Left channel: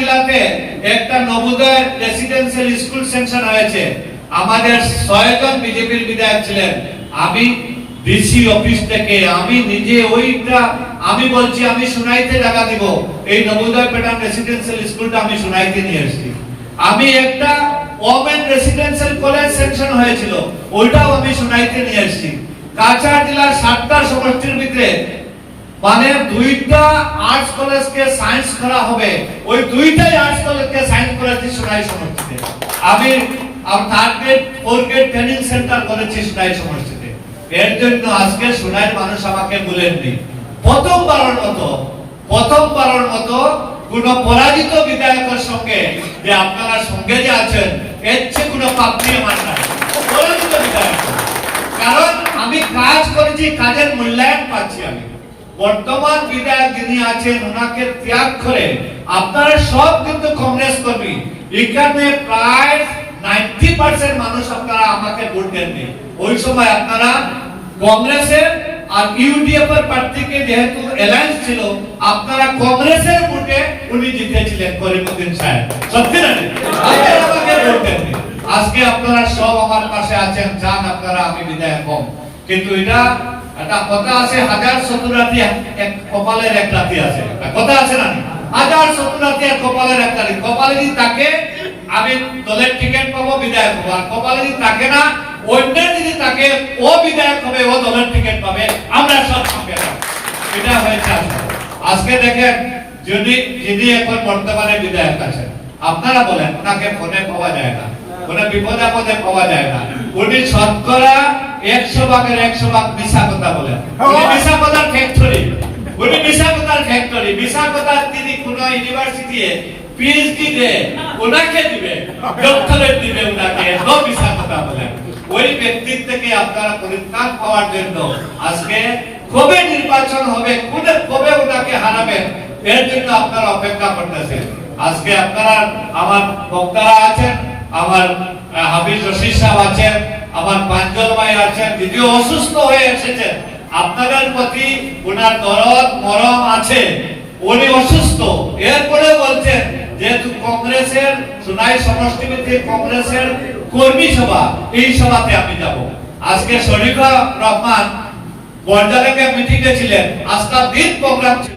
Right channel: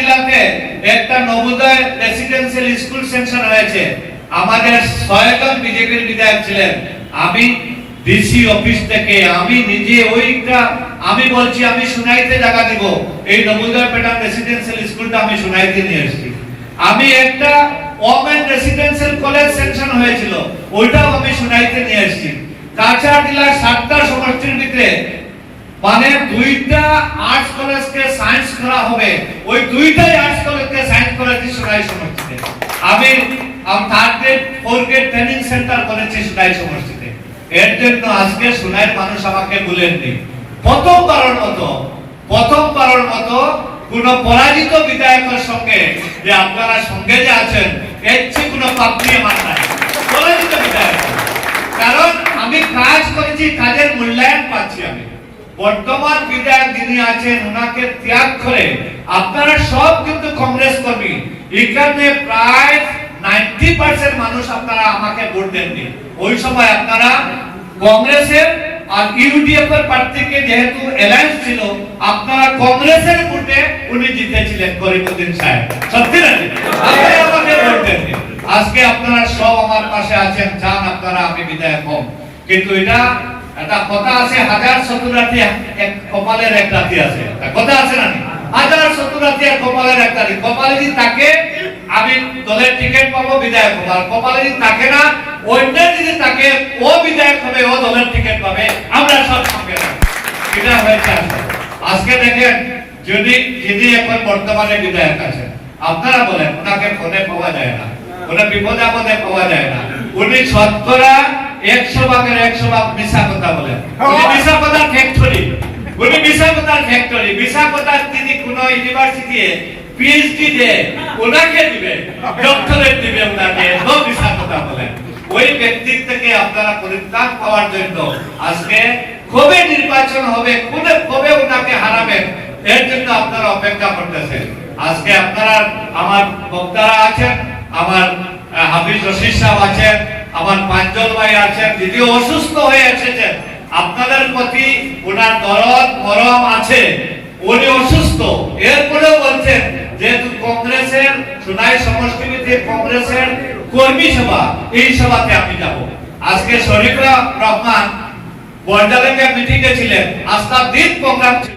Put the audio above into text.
জেলাতে একটা Navodaya residential school section হয়েছে। আমাদের ছয়জন বিজেপির বিধায়ক ছিলেন। আমি ডিসি অফিস থেকে, আমি নিজে ওইটা, আমি বলছি, আমি সুনাইতে জায়গা দিব। এই নবোদয় প্যাটার্ন রেসিডেন্সিয়াল স্কুলটা আমি সুনাইতে নিয়ে এসেছি আমি একটা ওমেন রেসিডেন্সিয়াল কলেজ সেকশন হয়েছিল। ওইটাও আমি সুনাইতে নিয়ে এসেছি কাছাড় জেলার সাতটা সমষ্টির ভিতরে মানে দুইটা আর্টস কলেজকে সায়েন্স করা হবে। ওই দুইটাই আর্টস কলেজকে সায়েন্স করেছি সুনাই সমষ্টিতে আমি third grade fourth grade training centre করেছি সুনাই সমষ্টিতে এর জন্য আজকে সুনাইয়ের মানুষ আমাকে বলেননি। প্রথমবারের মতো প্রথমবারের মতো কোন পরাজিত বিধায়কের সঙ্গে যে আপনারা সঙ্গে যে আছেন, এর চেয়ে কোনো পাপ নিয়ে মান নাই পরাজিত বিধায়ক। কারণ আমি কাজ করেছি, কাজের মূল্যায়ন পাচ্ছি আমি। বর্তমান বিধায়ক যিনি আছেন, ওনাকে ত্যাগ করে আপনারা সব কিন্তু কংগ্রেস কর্মী। এখানে প্রায় নাইনটি পার্সেন্ট মানুষ আপনারা আমাকে ভোট দেননি। ওই সময় আপনারা কংগ্রেসের আর ইউডিএফ এর প্রার্থীকে যেহেতু অ্যালায়েন্স ছিল, আপনারা কংগ্রেসের ভোটে উনি জিতেছিলেন করিমউদ্দিন সাহেব। সত্যি না আপনারা আমাকে ভোট দেননি। আজকে আপনারা সব আমার পাশে আছেন চান আপনারা, আমি বিদায় কম কিন্তু এটা একটা কথা আছে, হাজার এক কপালের এক আছে। কথা আছে না হাজার এক কপালের এক কপালে যদি তাকে আমি দলের টিকিট পাবো, বিধায়ক হব। আর কপালে যদি তাকে না, অন্য যদি তাকে ও বিধায়ক হবে, ও দলের টিকিট পাবে। আমরা সব এটা হয়েছে আজকে। দেখেন, যদি, যিনি এখন বর্তমানে বিধায়ক আছেন, আপনারা বলেন, ওনাকে ফোনে পাওয়া যায় না। কোনো বিপদ আপদে পাওয়া যায় না। উনি শতকরা একশো ভাগের একশো ভাগ মিশা কথা বলেন মিশা কথার ফ্যাক্টরি উনি মিশা কথার ফ্যাক্টরি মিশা কথার তিনি কোন ইউনিভার্সিটি পিএইচডি দে ওনাকে দিবে ডক্টরেট দিবে ওনাকে। নো মিশা কথা বলেন ওই ব্যক্তি থেকে আপনারা পরিত্রাণ পাওয়ার জন্য আজকে কবে নির্বাচন হবে কোনে কবে ওনাকে হারাবেন এর জন্য আপনারা অপেক্ষা করতেছেন। আজকে আপনারা আমার বক্তারা আছেন আমার হাফিজ রশিদ সাহেব আছেন আমার পাঞ্জল ভাই আছেন যদিও অসুস্থ হয়ে এসেছেন আপনাদের প্রতি ওনার দরদ, মরম আছে। উনি অসুস্থ। এরপরেও বলছেন, যেহেতু কংগ্রেসের, সোনাই সমষ্টিতে কংগ্রেসের কর্মী সভা, এই সভাতে আমি যাব। আজকে শরীফা রহমান বর্ডারের মিটিংয়ে ছিলেন। আস্থা দিন প্রোগ্রাম